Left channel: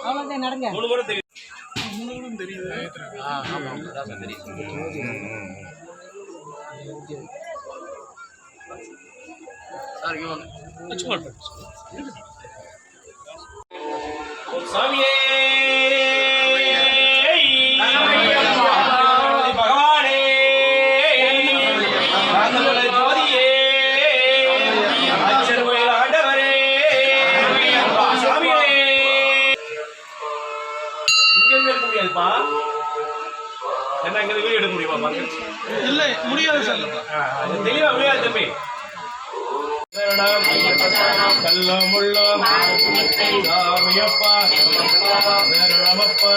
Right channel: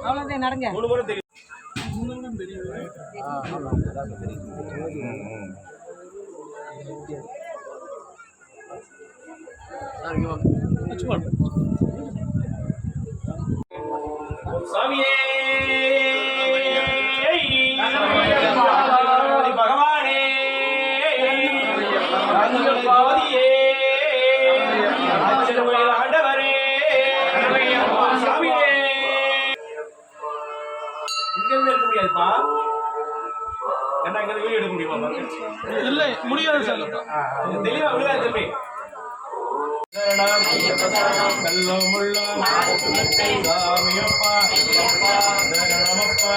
அவ்வளோதான் நடங்க. சாமியே பகவானே ஜோதியே ஆச்சரிய ஆண்டவரே சாமியே இங்க இருக்க முடியாதுப்பா. என்ன இங்க வீடியோ எடுக்க முடியுமா? இல்ல முடியாது சார். தெளிவா முடியாது தம்பி. கல்லும் முள்ளும் சாமியப்பா சரணமப்பா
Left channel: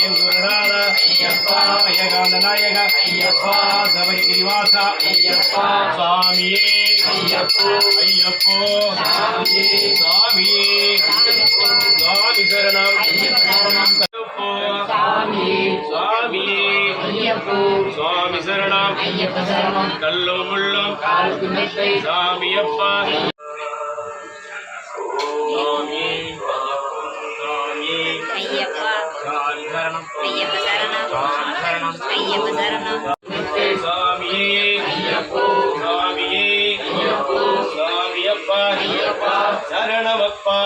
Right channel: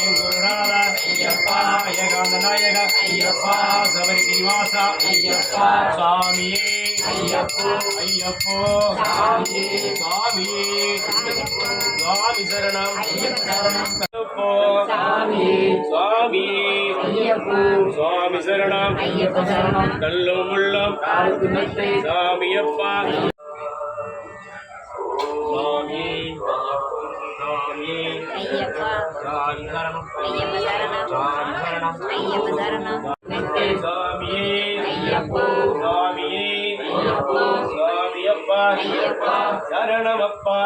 என் குருநாதா ஏகாந்த நாயகா சபரி கிரிவாசா சாமியே ஐயப்போ சாமியே சாமி சரணம் ஐயப்போ சாமியே சுவாமி சரணம் கல்லும் முள்ளும் சாமியப்பா சாமி சாமி ஐயப்பா சாமி சரணம் ஐயப்ப சரணம் ஐயப்ப சரணம் சாமியே ஐயப்போ சாமியே ஐயப்போ சாமியப்பா சரணமப்பா